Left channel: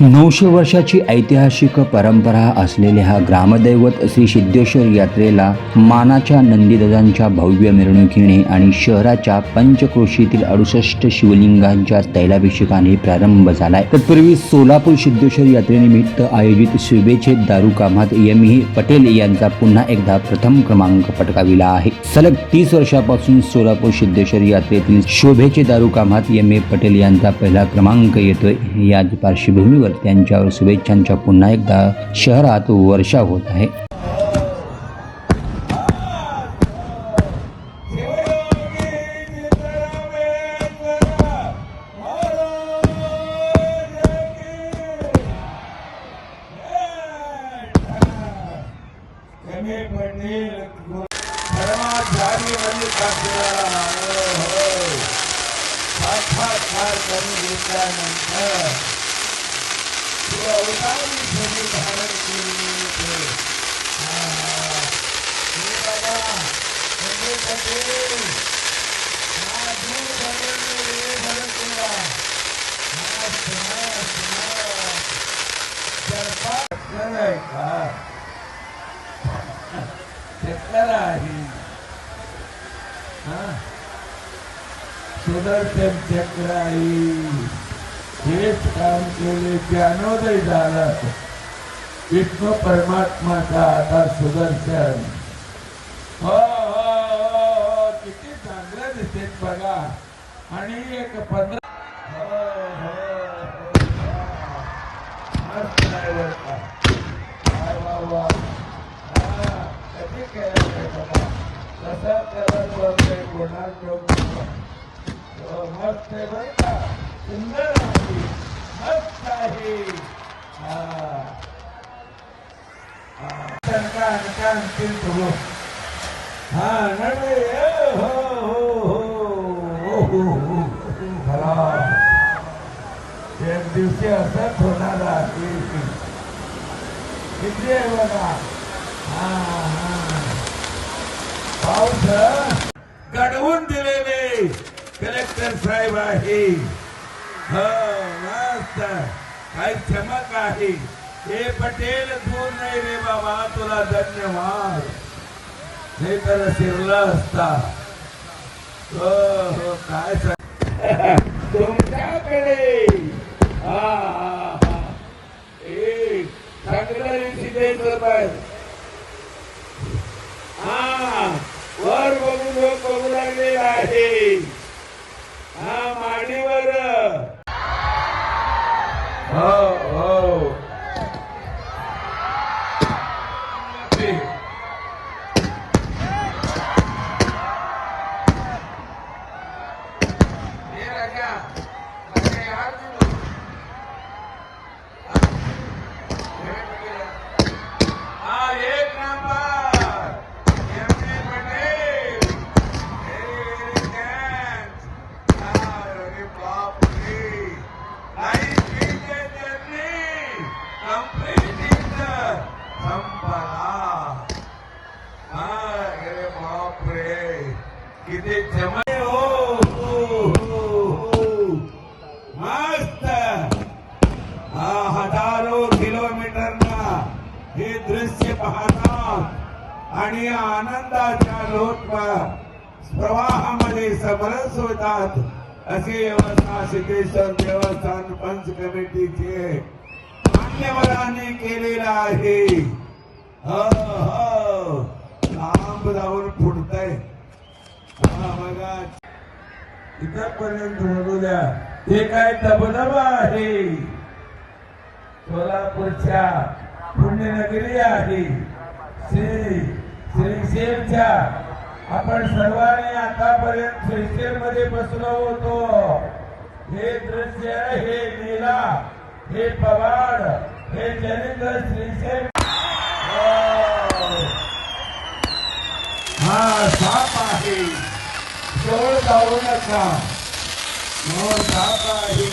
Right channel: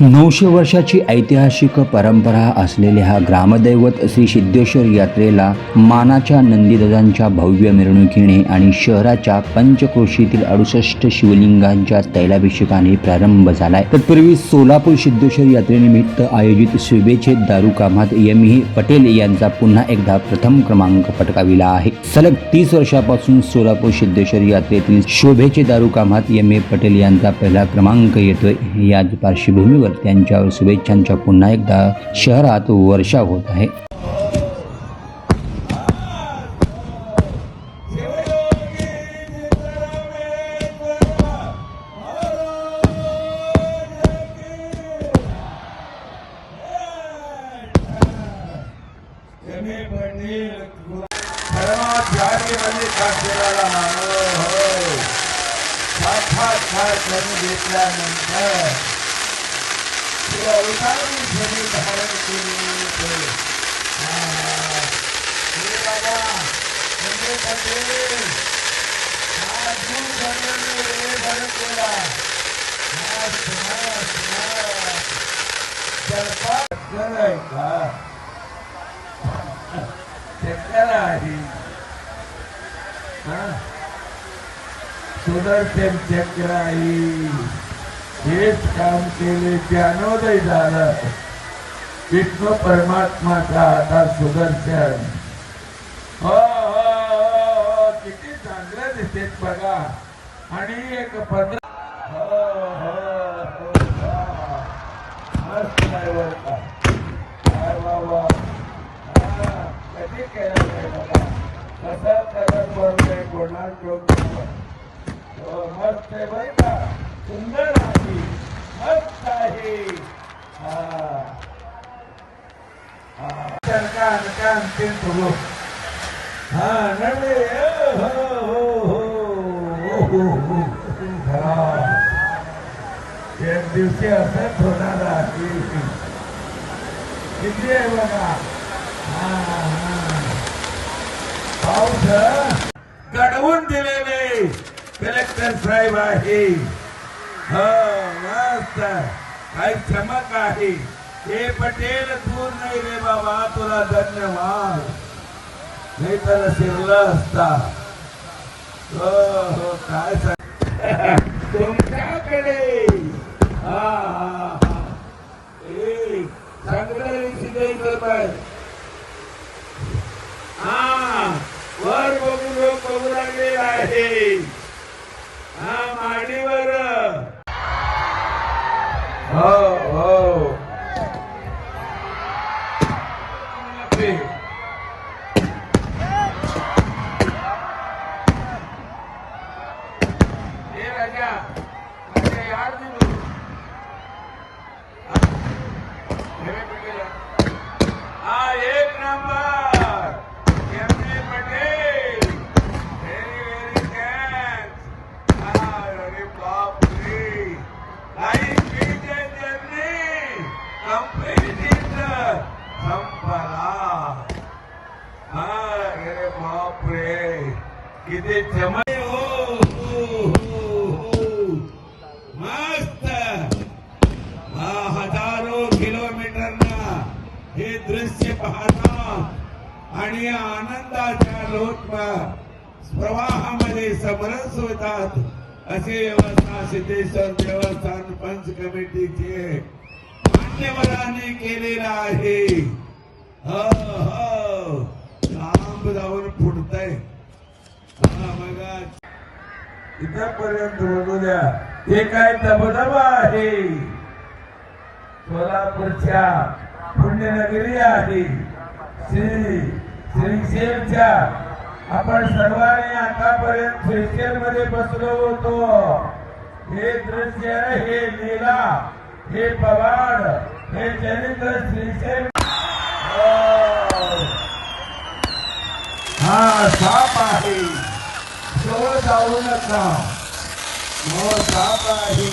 900 वर्षाची ऐतिहासिक परंपरा असलेल्या हा ग्रामदैवत श्री सिद्धेश्वर यात्रेला मानाच्या नंदीध्वजांच्या भव्य मिरवणुकीने आणि शहराच्या पंचक्रोशीतील 68 शिवलिंगांच्या तैलाभिषेकाने प्रारंभ झालाय। तत्पूर्वी सोलापूर सिद्धेश्वर यात्रेनिमित्त आयोजित शुभेच्छे दारू कामात एम.ए. पटेल यांचा पुन्हा एकदा प्रथम क्रमांक पटकाविला आहे। सलग 30 वर्षापासून सोलापूर सिद्धेश्वर यात्रेतील शोभेचे दारू कामात एम.ए. पटेल यांचा पहिला क्रमांक येतोय। याच पार्श्वभूमीवर त्यांच्यावर शुभेच्छांच्या पुन्हा एकदा शहरात वर्षाव होत आहे। सुदर्शन चक्राई हेच काम केले ज्ञानोदय झाला। विष्णू परमात्माचा आता सुदर्शन हो हो हो किती चांगलं दिसते बघा। आणि एक 15 मस्त सुंदर मस्त आहे। एक दिवशी असंच होणार आहे। किती आहे बघा पाऊस घडवून दिलेले कलेक्टर साहेब आहे। मस्त काही चमक आहे। हे पटेल तू नाही रे बाबा तुला धन्यवाद नाही तर शिरला असता। हो काय तुमच्याकडे चांगलं सिद्धेश्वर वर बघून लोक बघू लागले आहे। माडीवर हो हो किती चमक हो मस्त। हजारो किलोमीटरना हे दृश्य पाहतात आणि आनंदाच्या लोट प्रवाहामध्ये समरस होतात। असे व्यवस्था सिद्धेश्वर देवस्थान पंच कमिटीचे मान्यवरांनी केलेला आहे। लांब जाऊन फुटतय बघा इथेपर्यंत होऊ द्या। हे काय दबदबा आहे। सोलापूरच्या पुण्यनगरी आहे श्रीशैलच्या। आपण सर्वांनी आतापर्यंत श्रीशैल मध्ये बसलो होतो। हे दृश्य हे लीला हे पवाड हे चरित्र श्रीशैल। हा साप आहे तो जाऊ नका। साप आहे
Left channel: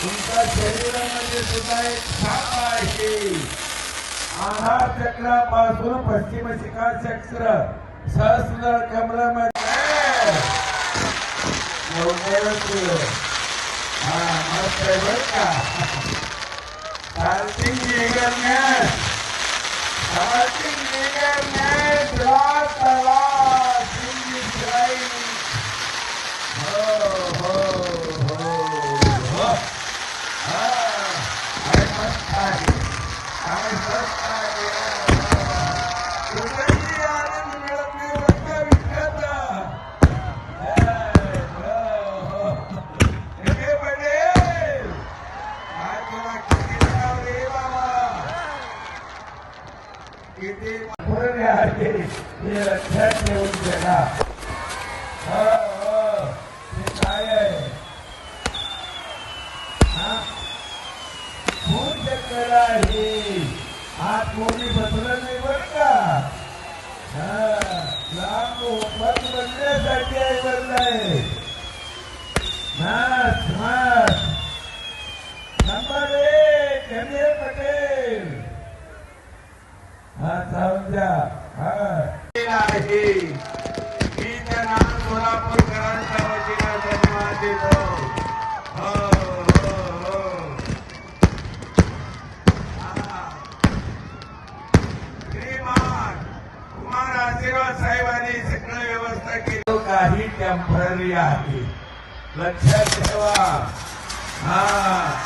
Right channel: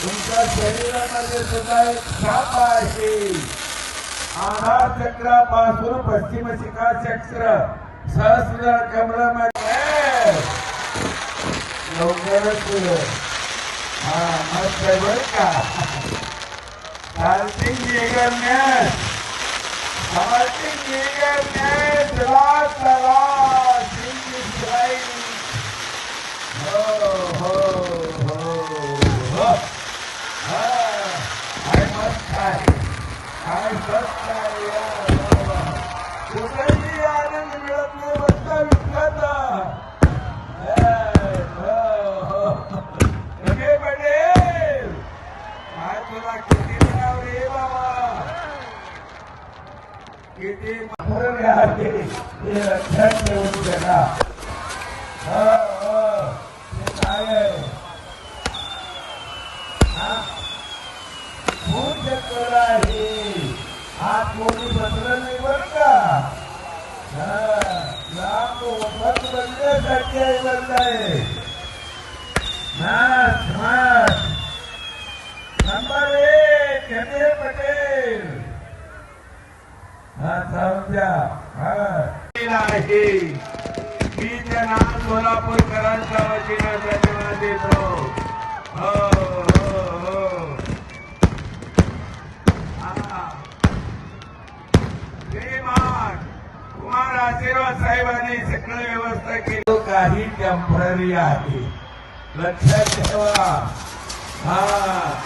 तुमच्या शरीरामध्ये सुद्धा एक साप आहे। आधार चक्रापासून पश्चिम शिखा चक्र सहस्र कमल में मस्त आहे बरं का. कार्तिक निघण्यास रात रात श्री साई. हो, हो, हो, हो. काय मस्त आहे, काय मस्त आहे. कुठेही आनंद मिळत नाही बरं का विठ्ठलाचा. किती महत्त्वाचे आहे हे लक्षात ठेवून ठेवा. खूप शेतकरी आहे, हा कोणी जमलं नाही बरं का. या फक्त धंद्यासाठी आहे चाललंय. Number 1 MA. पटेल आहे. मी त्यांना सोलापूरकरांच्या वतीनं धन्यवाद देतो. हो, हो, हो. श्रीमान कुमार आशीर्वाद साहेबांनी सगळं व्यवस्था केली. काही टेम्पररी आहे, लक्षात ठेवा.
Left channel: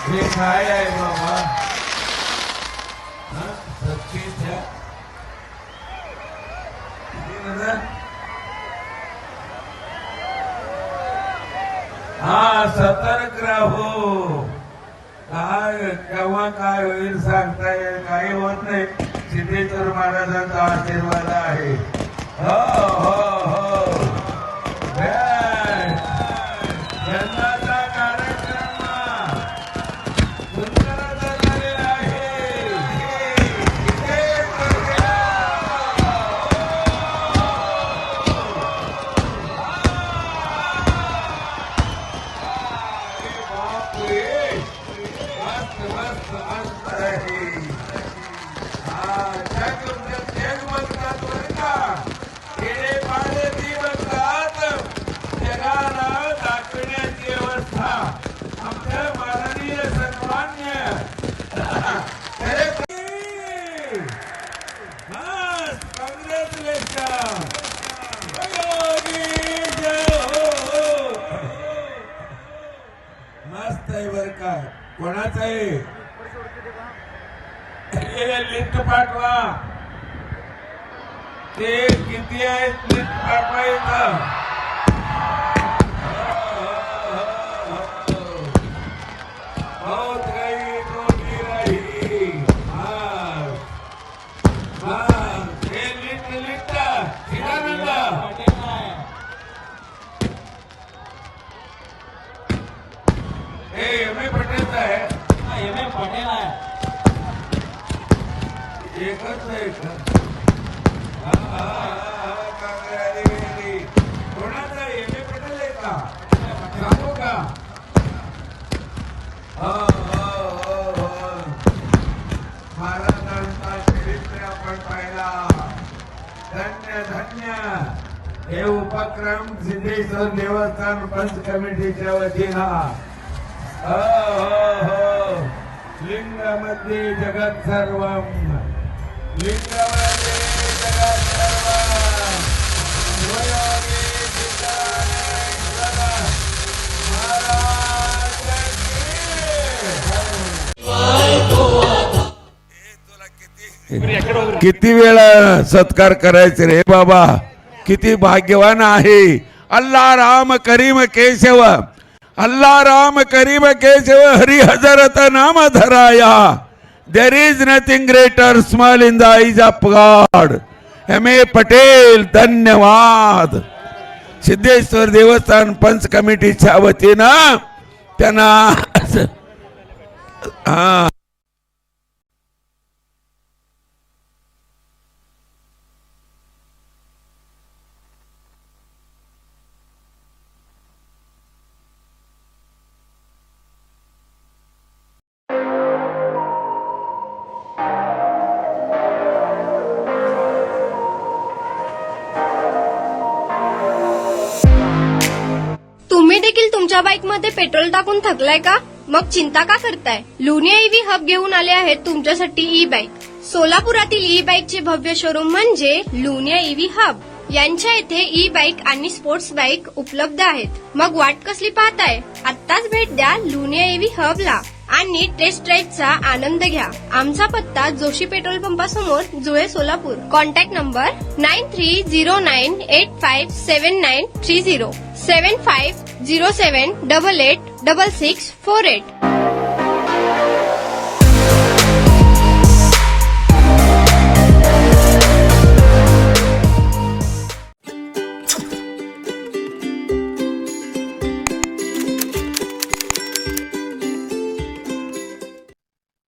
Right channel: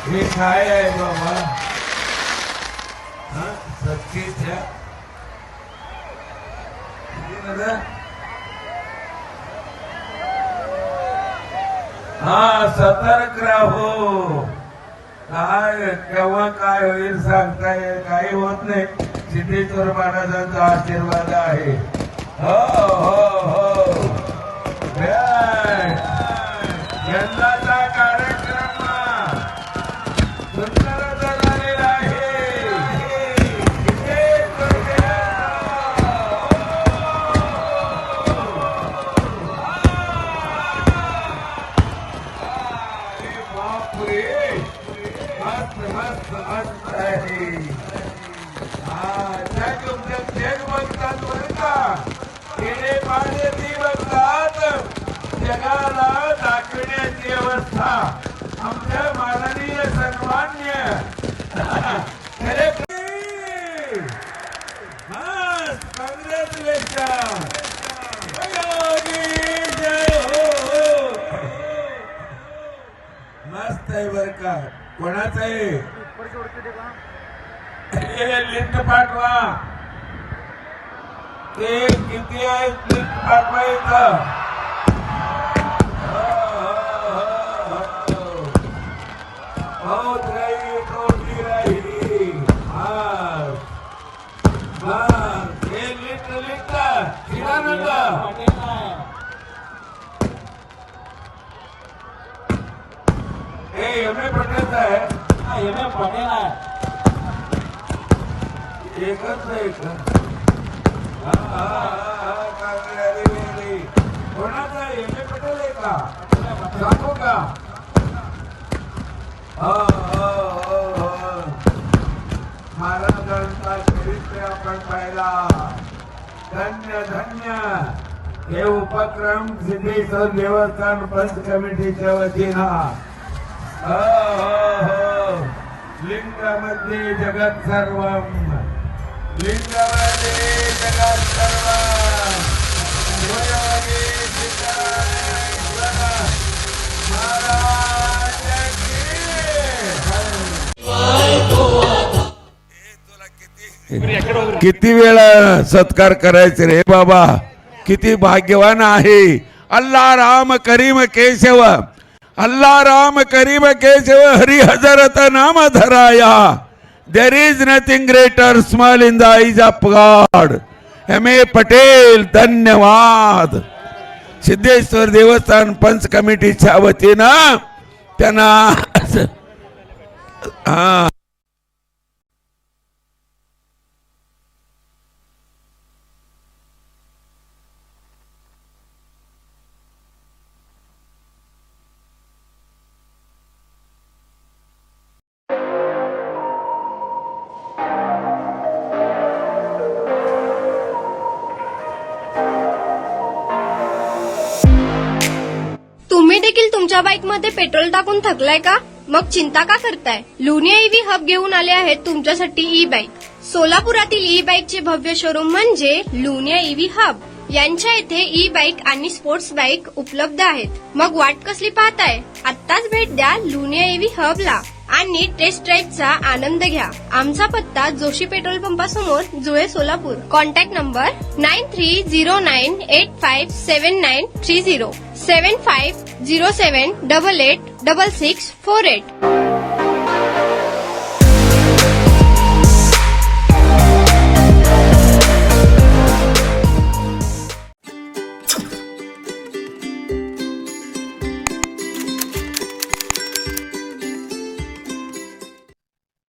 हे काय आहे बाबा, सत्तेच्या सतर्क राहो. काय केव्हा काय होईल सांगता येईल, काही होत नाही. सिद्धेश्वर महाराजांचा आशीर्वाद आहे. हो, हो, हो. यंदाचा कार्यक्रम सुंदर झालेला आहे. जगाला दाखवण्याची व्यवस्था आमच्या माननीय सन्मान्य कॉंग्रॅच्युलेशन. मस्त आहे बर का. कोणाचं आहे लिस्ट पाठवा. ते किती आहेत लिस्ट पाठवा इथं. बहुत रही टोटी रही. हे लिस्ट शिवानंद हे एम.ए. पटेल आहे. एम.ए. पटेल आहे. एकच आहे. कोणाचा एम.ए. पटेल आहे का सांगू का. महाराजांचा चरित्र आपण पाहिला. धन्य धन्य हे उपक्रम सिद्धेश्वर देवस्थान पंच कमिटीच्या वतीनं. लिंगामध्ये जगत सर्वम. लिंगामध्ये जगत किती वेळा सत्कार करायचे रे बाबा. किती भाग्यवान आहे. अल्लाह राम करीम केशव, अल्लाह राम करीम केशव, हरि हजरत नाम धराया. There is nothing greater small in the eyes of God. MA. Patel धन्यवाद. सिद्धेश्वर देवस्थान पंच कमिटीच्या वतीनं त्यांना तुम्ही देखील देखील तुमच्या बाईकमध्ये पेट्रोल टाकून थकलाय का? मग चिंता का करताय? लुनिया ईव्ही हब घेऊन आले आहेत तुमच्यासाठी ई बाईक. सोलापुरातील ई बाईकचे भव्य शोरूम म्हणजे लुनिया ईव्ही हब. यांच्या येथे ई बाईक आणि स्पोर्ट्स बाईक उपलब्ध आहेत. मग वाट कसली पाहताय? आत्ताच भेट द्या लुनिया ईव्ही हबला आणि टेस्ट ड्राईव्हचा आनंद घ्या. आमचा पत्ता जोशी पेट्रोल पंपासमोर, जुळे, सोलापूर. Contact number 9309857930 7507886648.